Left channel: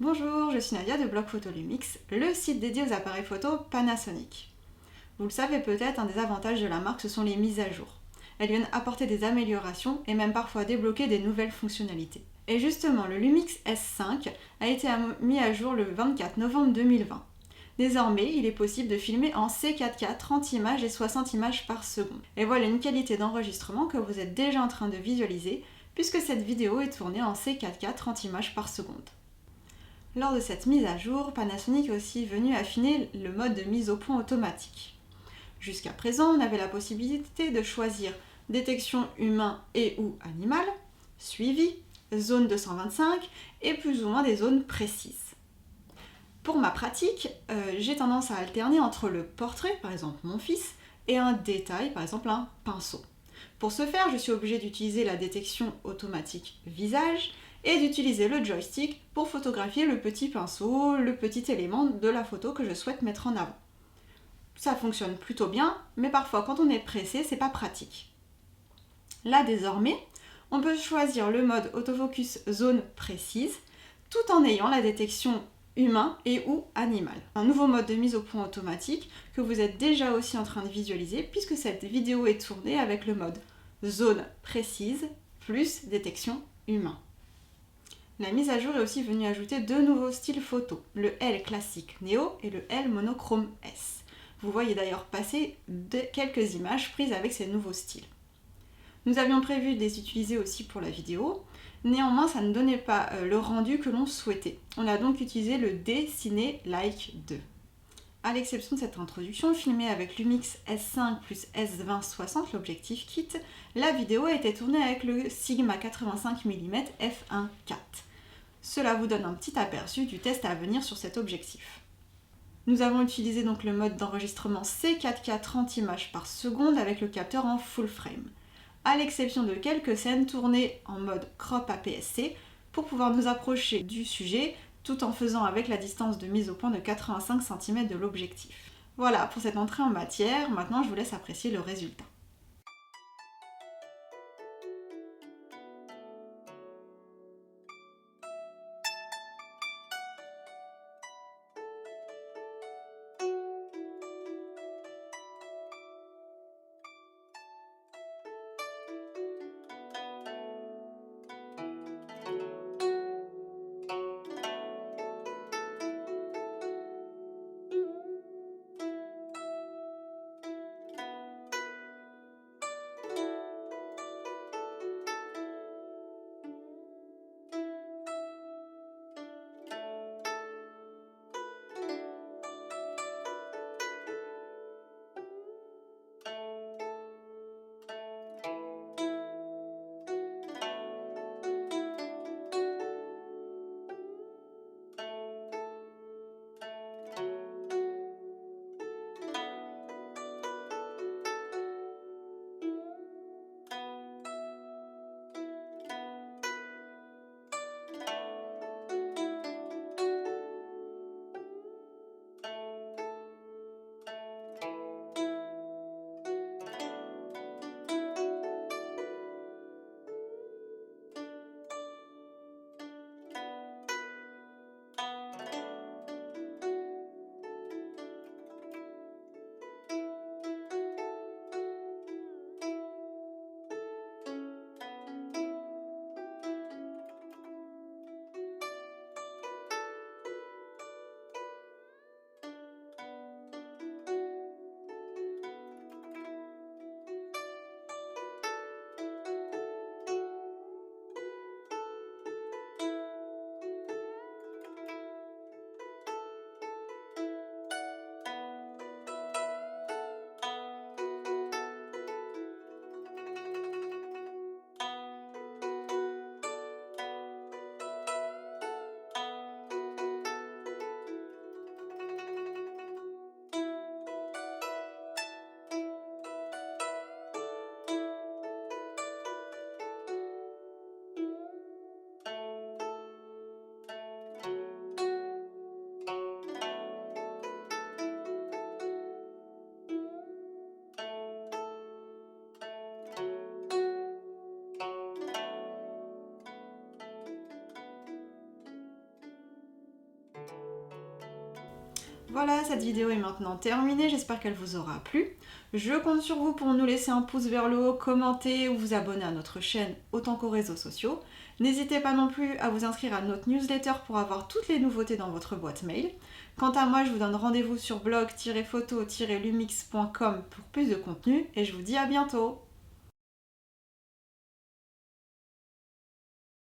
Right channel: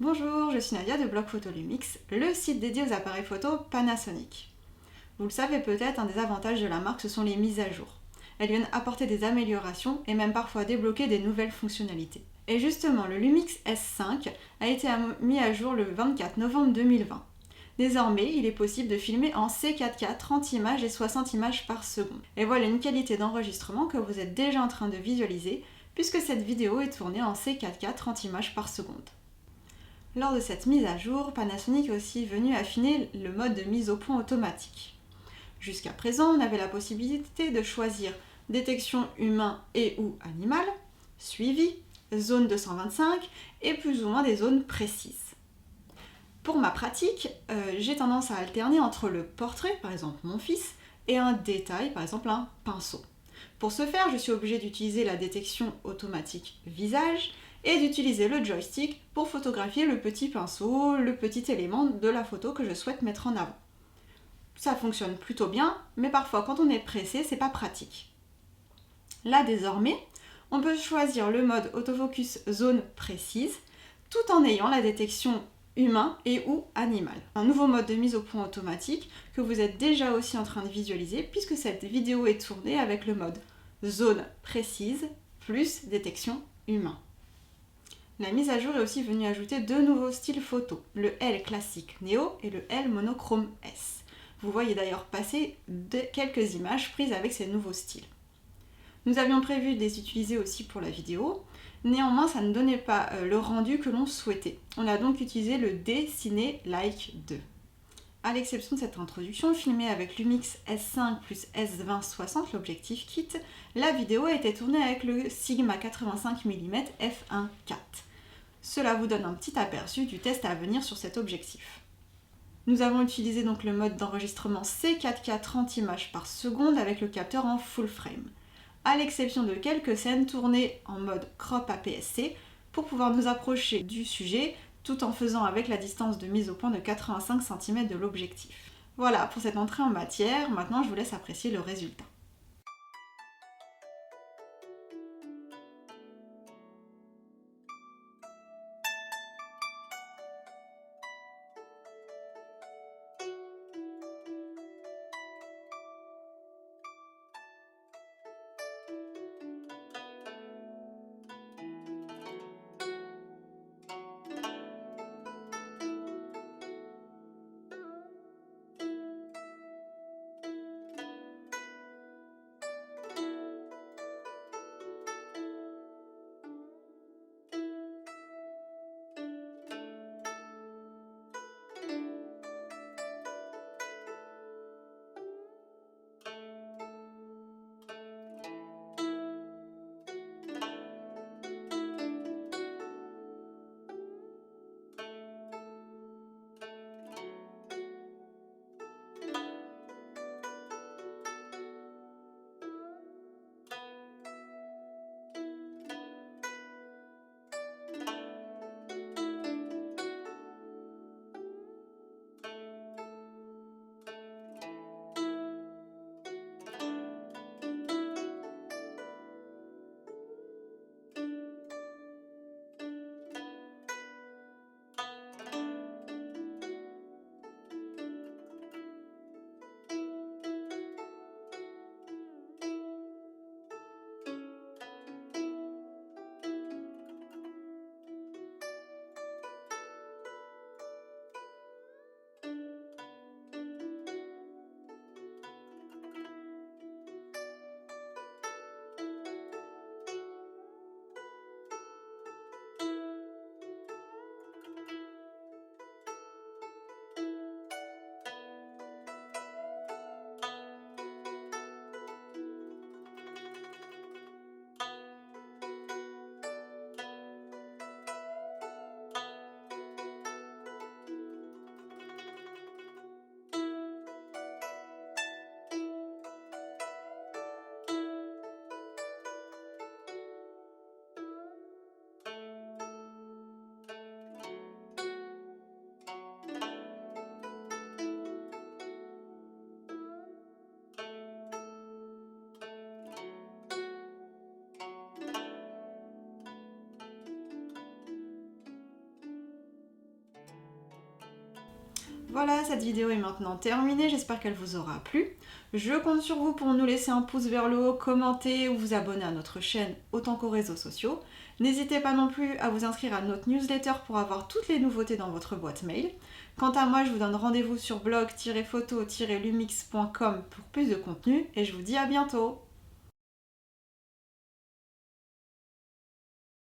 Bonjour, je suis Nadia de Blog Photo Lumix, le site dédié aux appareils photo Panasonic. Vous le savez peut-être, un des avantages de la marque, ce sont les mises à jour. Elles viennent apporter des améliorations et même parfois débloquer des nouvelles fonctionnalités. Et justement, le Lumix S5 a été mis à jour le 24 novembre 2020. Désormais, il est possible de filmer en C4K 30 images et 60 images par seconde. Et voilà une qualité d'enregistrement que vous êtes déjà en train de visualiser, puisque cette vidéo est tournée en C4K 30 images par seconde. Lors de cette mise à jour, Panasonic est aussi venu affiner le mode de mise au point automatique. Jusqu'à présent, on avait la possibilité de choisir détection humain et ou animal, suivi, zone 225 et plus ou moins des zones précises. Pour ma pratique, j'ai tendance à alterner entre le portrait, par exemple mon fils, et un détail, par exemple un pinceau. Pour ce faire, je suis obligée d'utiliser la détection automatique visage et d'utiliser le joystick pour photographier le petit pinceau, le petit élément de la photo que je souhaite mettre en avant. Ça fonctionne plutôt bien, mais parfois quand on est pressé, c'est pas pratique. Là désormais, on peut choisir le mode autofocus zone précise tout en ayant la détection humain et ou animal. Un nouveau mode de mise au point automatique que vous êtes déjà aussi en train de visualiser puisque cette vidéo est tournée avec le mode zone précise plus détection humain. La mise à jour est aussi venue ajouter deux nouveaux styles photo, le L classique Neo et le L monochrome S. Vous voyez d'ailleurs passer quelques images prises avec ces nouveaux styles. Nous avions prévu de les utiliser aussi pour la vidéo, néanmoins ça ne donnait pas le rendu que l'on souhaitait. On a donc utilisé le D-Ciné Like 2. À l'exception de cette introduction, filmée avec Lumix S5 plus S20-60, l'objectif kit, la vidéo a été tournée avec le Sigma 85 mm f1.4. Cela vous donne un petit aperçu du test à venir sur cet objectif. Nous avons utilisé donc le mode d'enregistrement C4K 30 images par seconde avec le capteur en full frame, à l'exception de quelques scènes tournées en mode crop APS-C pour pouvoir nous approcher du sujet tout en faisant avec la distance de mise au point de 85 cm de l'objectif. Voilà pour cette entrée en matière, maintenant je vous laisse apprécier le résultat. Voilà, cette vidéo est maintenant terminée, j'espère qu'elle vous aura plu. Je compte sur vous pour nous laisser un pouce vers le haut, commenter ou vous abonner à notre chaîne autant qu'aux réseaux sociaux. N'hésitez pas non plus à vous inscrire à notre newsletter pour avoir toutes les nouveautés dans votre boîte mail. Quant à moi, je vous donne rendez-vous sur blog-photo-lumix.com pour plus de contenu et je vous dis à bientôt.